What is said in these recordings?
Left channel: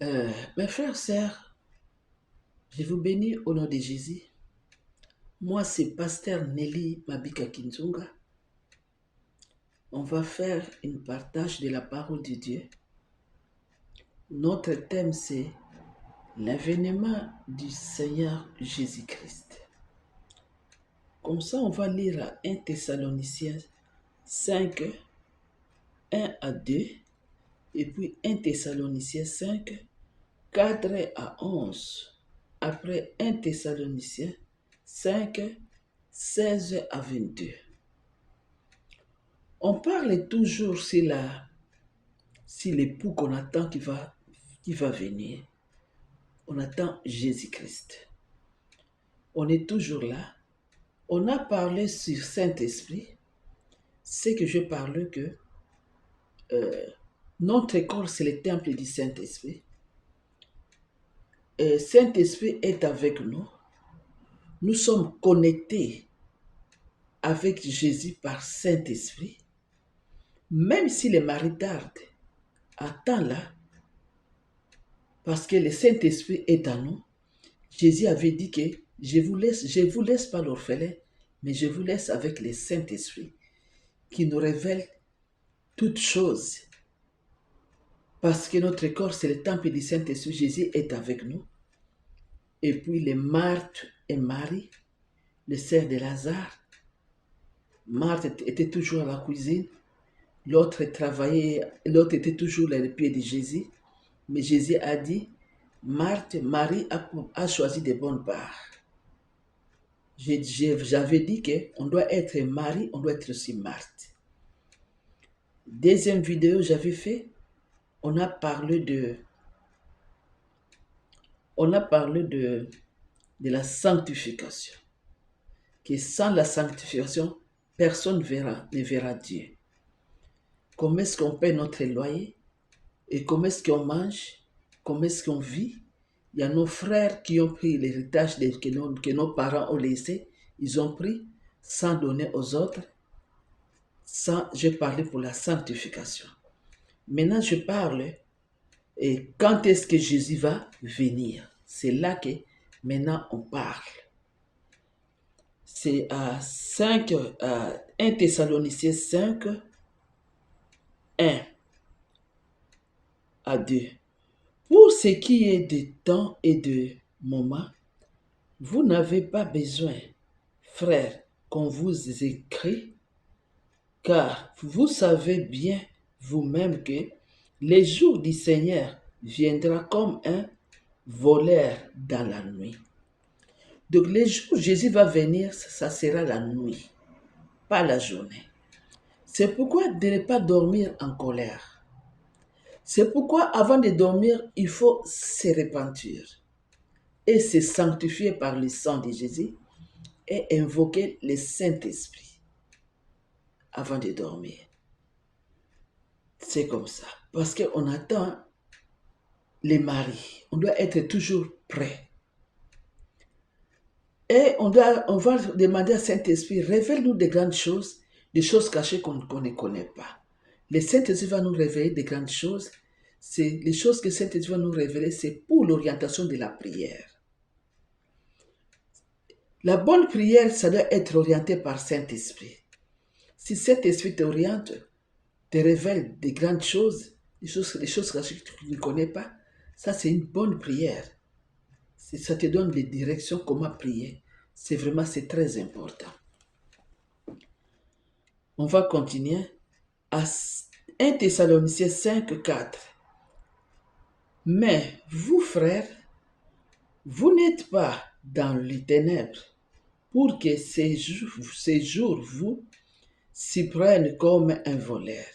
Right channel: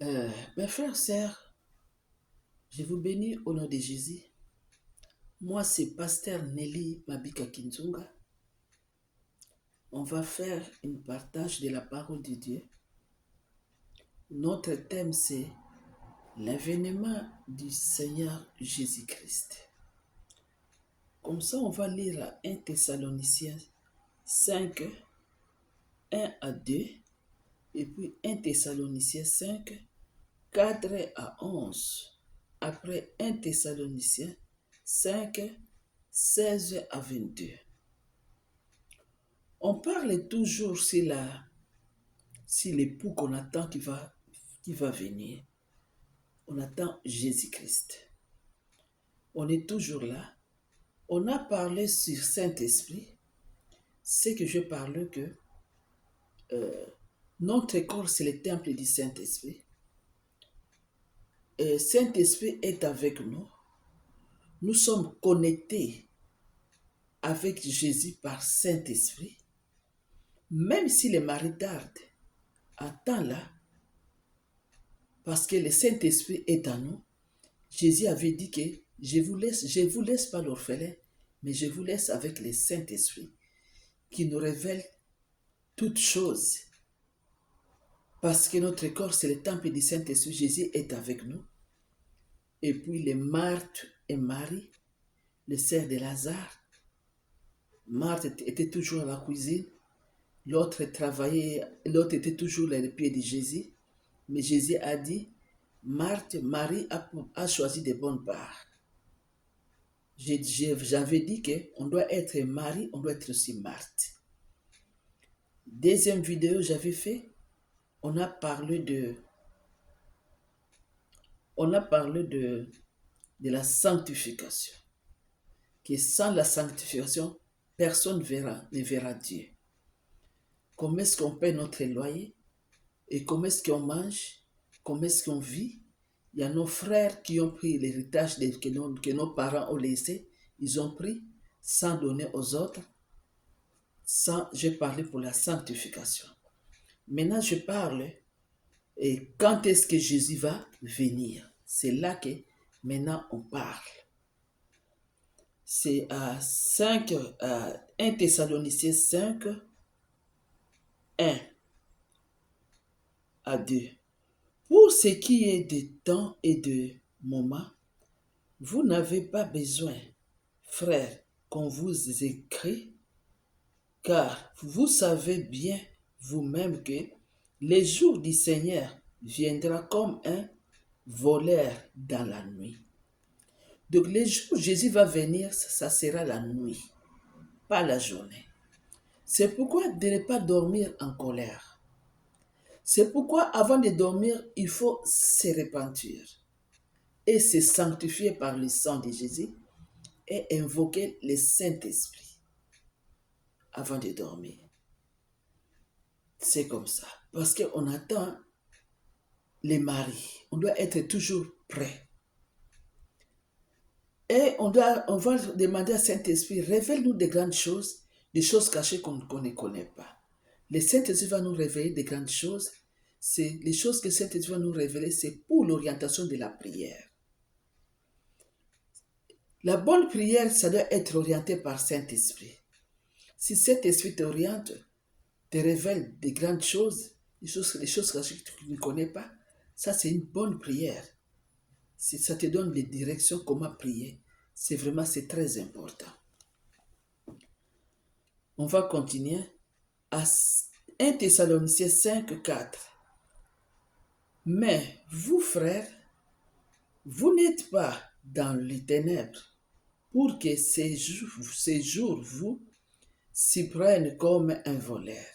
Mes frères, sœurs, je vous bénis au nom de Jésus. Moi, c'est Pasteur Nelly Mabika Kinzunga. On va faire une partage de la parole de Dieu. Notre thème, c'est l'avènement du Seigneur Jésus-Christ. Comme ça, on va lire 1 Thessaloniciens 5, 1 à 2, et puis 1 Thessaloniciens 5, 4 à 11. Après 1 Thessaloniciens 5, 16 à 22. On parle toujours sur l'époux qu'on attend qui va venir. On attend Jésus-Christ. On est toujours là. On a parlé sur Saint-Esprit. C'est que je parle que notre corps, c'est le temple du Saint-Esprit. Saint-Esprit est avec nous. Nous sommes connectés avec Jésus par Saint-Esprit. Même si le mari tarde, attends là, parce que le Saint-Esprit est en nous. Jésus avait dit que je vous laisse pas l'orphelin, mais je vous laisse avec le Saint-Esprit qui nous révèle toutes choses. Parce que notre corps, c'est le temple du Saint-Esprit. Jésus est avec nous. Et puis les Marthe et Marie, les sœurs de Lazare. Marthe était toujours à la cuisine. L'autre travaillait, l'autre était toujours à les pieds de Jésus. Mais Jésus a dit, Marie a choisi de bonnes parts. J'avais dit qu'on doit être Marie, on doit être aussi Marthe. Deuxième vidéo j'avais fait, on a parlé de la sanctification. Que sans la sanctification, personne ne verra Dieu. Comment est-ce qu'on paie notre loyer? Et comment est-ce qu'on mange? Comment est-ce qu'on vit? Il y a nos frères qui ont pris l'héritage que nos parents ont laissé. Ils ont pris sans donner aux autres. J'ai parlé pour la sanctification. Maintenant, je parle et quand est-ce que Jésus va venir? C'est là que maintenant on parle. C'est à 1 Thessaloniciens 5, 1 à 2. Pour ce qui est de temps et de moment, vous n'avez pas besoin, frères, qu'on vous écrit, car vous savez bien vous-même que les jours du Seigneur viendra comme un voleur dans la nuit. Donc les jours où Jésus va venir, ça sera la nuit, pas la journée. C'est pourquoi de ne pas dormir en colère. C'est pourquoi avant de dormir, il faut se repentir et se sanctifier par le sang de Jésus et invoquer le Saint-Esprit avant de dormir. C'est comme ça. Parce qu'on attend les maris. On doit être toujours prêt. Et on va demander à Saint-Esprit, révèle-nous des grandes choses, des choses cachées qu'on ne connaît pas. Le Saint-Esprit va nous révéler des grandes choses. Les choses que Saint-Esprit va nous révéler, c'est pour l'orientation de la prière. La bonne prière, ça doit être orienté par Saint-Esprit. Si Saint-Esprit t'oriente, te révèle des grandes choses, des choses cachées que tu ne connais pas, ça c'est une bonne prière. Ça te donne des directions comment prier. C'est très important. On va continuer à 1 Thessaloniciens 5, 4. Mais vous, frères, vous n'êtes pas dans les ténèbres pour que ces jours vous s'y prennent comme un voleur.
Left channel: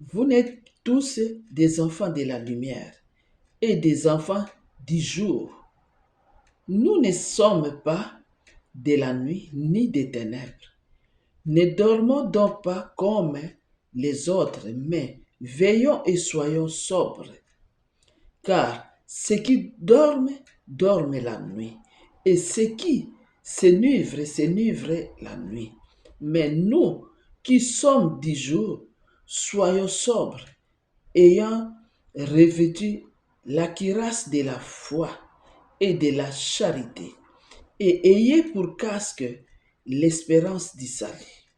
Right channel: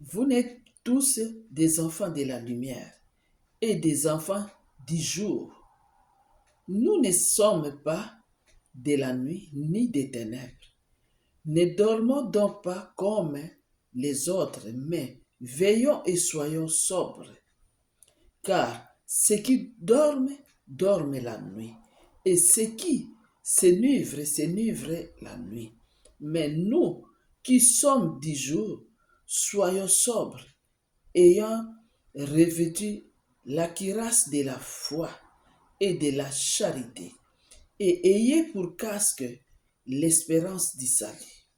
Vous n'êtes tous des enfants de la lumière et des enfants du jour. Nous ne sommes pas de la nuit ni des ténèbres. Ne dormons donc pas comme les autres, mais veillons et soyons sobres. Car ceux qui dorment, dorment la nuit, et ceux qui s'enivrent la nuit. Mais nous qui sommes du jour, soyons sobres, ayant revêtu la cuirasse de la foi et de la charité, et ayez pour casque l'espérance du salut.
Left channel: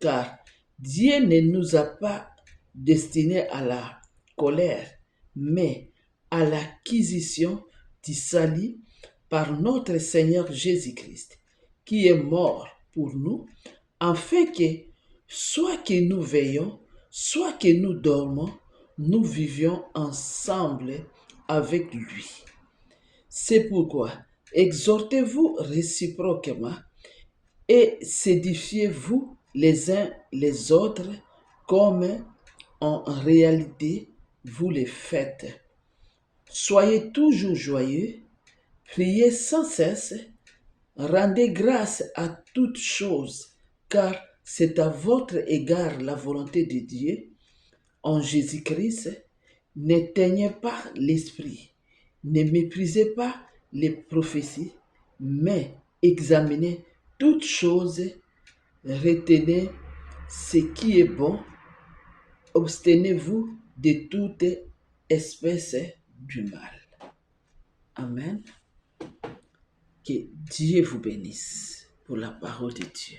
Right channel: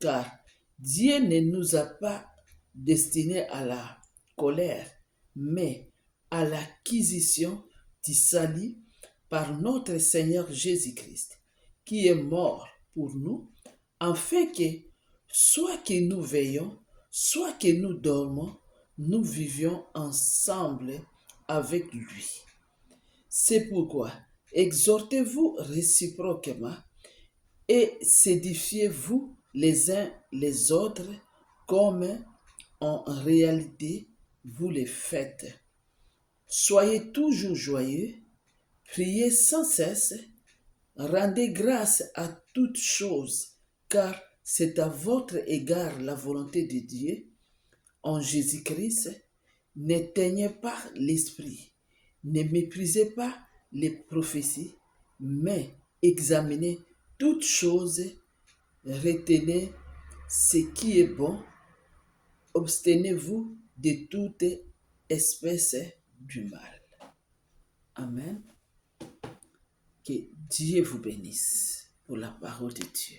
Car Dieu ne nous a pas destinés à la colère, mais à l'acquisition du salut par notre Seigneur Jésus-Christ, qui est mort pour nous, afin que, soit que nous veillons, soit que nous dormons, nous vivions ensemble avec lui. C'est pourquoi exhortez-vous réciproquement et s'édifiez-vous les uns les autres comme en réalité vous le faites. Soyez toujours joyeux, priez sans cesse, rendez grâce à toutes choses, car c'est à votre égard la volonté de Dieu en Jésus-Christ. N'éteignez pas l'esprit, ne méprisez pas les prophéties, mais examinez toutes choses, retenez ce qui est bon, abstenez-vous de toute espèce du mal. Amen. Que Dieu vous bénisse pour la parole de Dieu.